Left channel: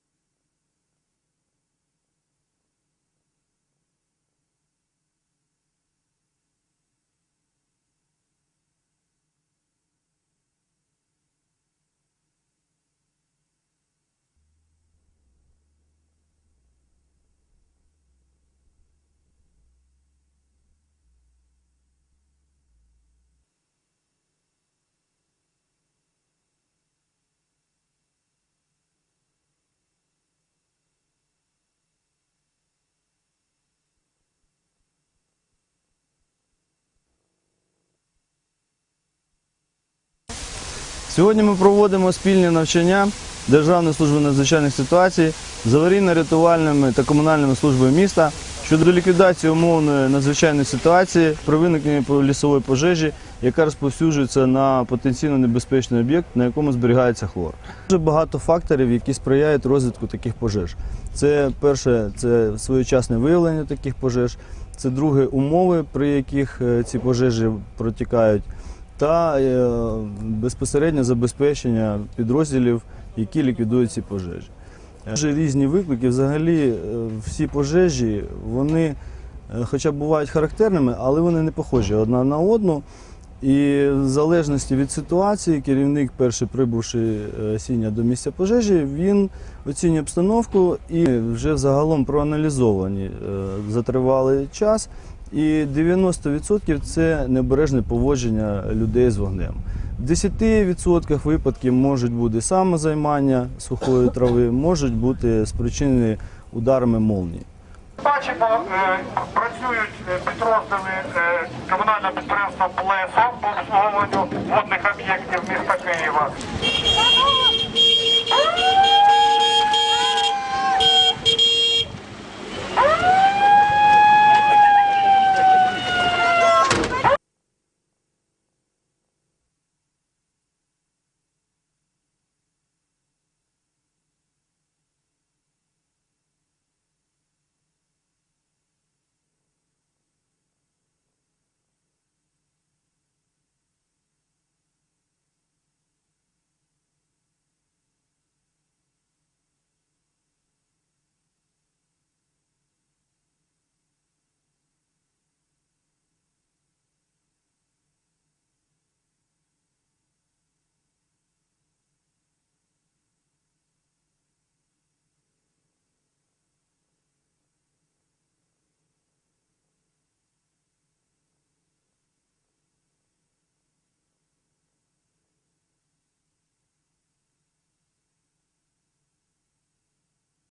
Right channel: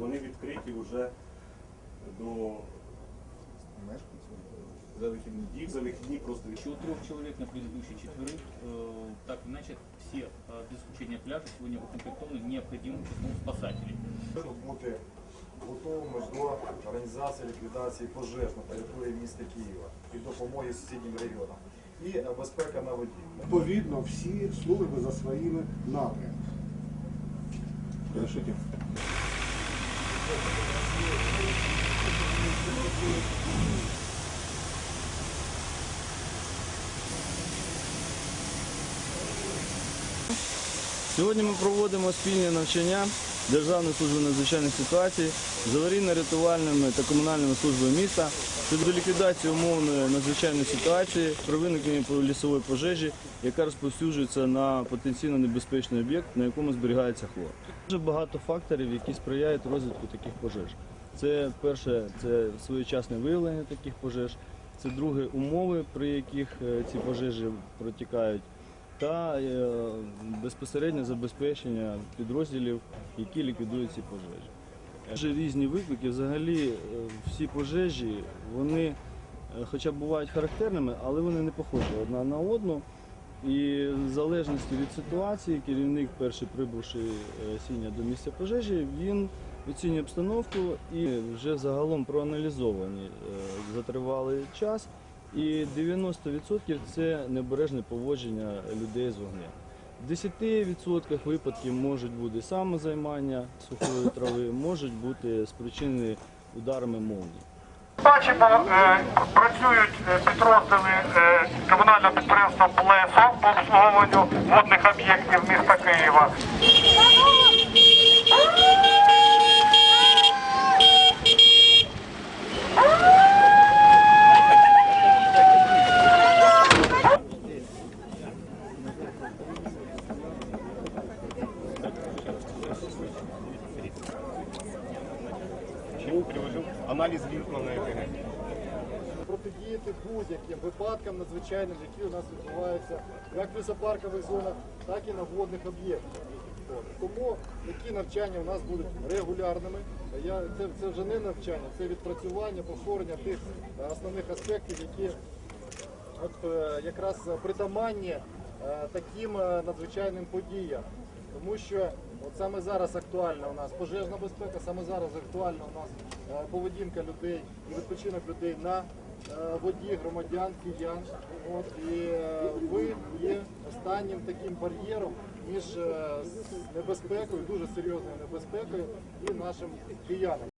вони відкриті вже до За вихідні. їх за вихідні просто Еще у трех человек на предыдущие четверых, э, так или иначе, все, э, без исключения пляжи, сегодня укомплектованы необходимым числом спасателей. Щоб бути готовими до організації ліквідації пожеж на території міста Києва і допомоги сусіднім регіонам. І е, безпека на воді. Відповідно, всі служби за своїми напрямками. Сьогодні ми проводимо спільні навчання Державної служби надзвичайних ситуацій з аварійно-рятувальними та комунальними службами міста щодо ліквідації умовної надзвичайної ситуації при виникненні лісової пожежі, яка розповсюджується на потенційно небезпечний об'єкт, на якому зберігається хлор. Дуже багато факторів, які сприяють розвитку таких пожеж. Це перше, це своєчасне виявлення таких пожеж. Це друге умови, при яких е, ці пожежі протікають та е, безпосереднє забезпечення підрозділів, які ліквідують ці пожежі. Дуже різні виклики. Взагалі, е, всі пожежі, вони, е, хоча бувають характерними, але вони не похожі одна на одну. І в залежності від ситуації, керівник, перший прибувши сіння до місця пожежі, він оцінює обстановку і вже загалом проаналізовані е, за тривалий час. І 90% це необережне поводження людей з вогнем. В 10% випадків можуть бути самозаймання сухої трави, можуть бути спричинені ударами молнії. Бачимо, е, працюють е, підрозділи е, комунального підприємства «Плесо» по обслуговуванню водних об'єктів міста Києва. Чому приложив аналіз лінку на ЕКГ. протидіяти будь-яким випадкам надзвичайним, які у нас відбуваються як в лісопаркових зонах, так і на водних об'єктах. Тому такі навчання у нас будуть регулярними. Я, це, це вже не навчання, це відпрацювання, повторення тих е, основних аспектів, які от, е, якраз притаманні е, таким надзвичайним подіям. Тому що от саме зараз актуальна у нас пожежна безпека, саме зараз актуальна у нас е, поведінка людей і відпочинок людей на е, воді, громадян, киян. От, і е, ви є останнім таким бар'єром між небезпекою, дуже серйозною небезпекою і нашим киянам.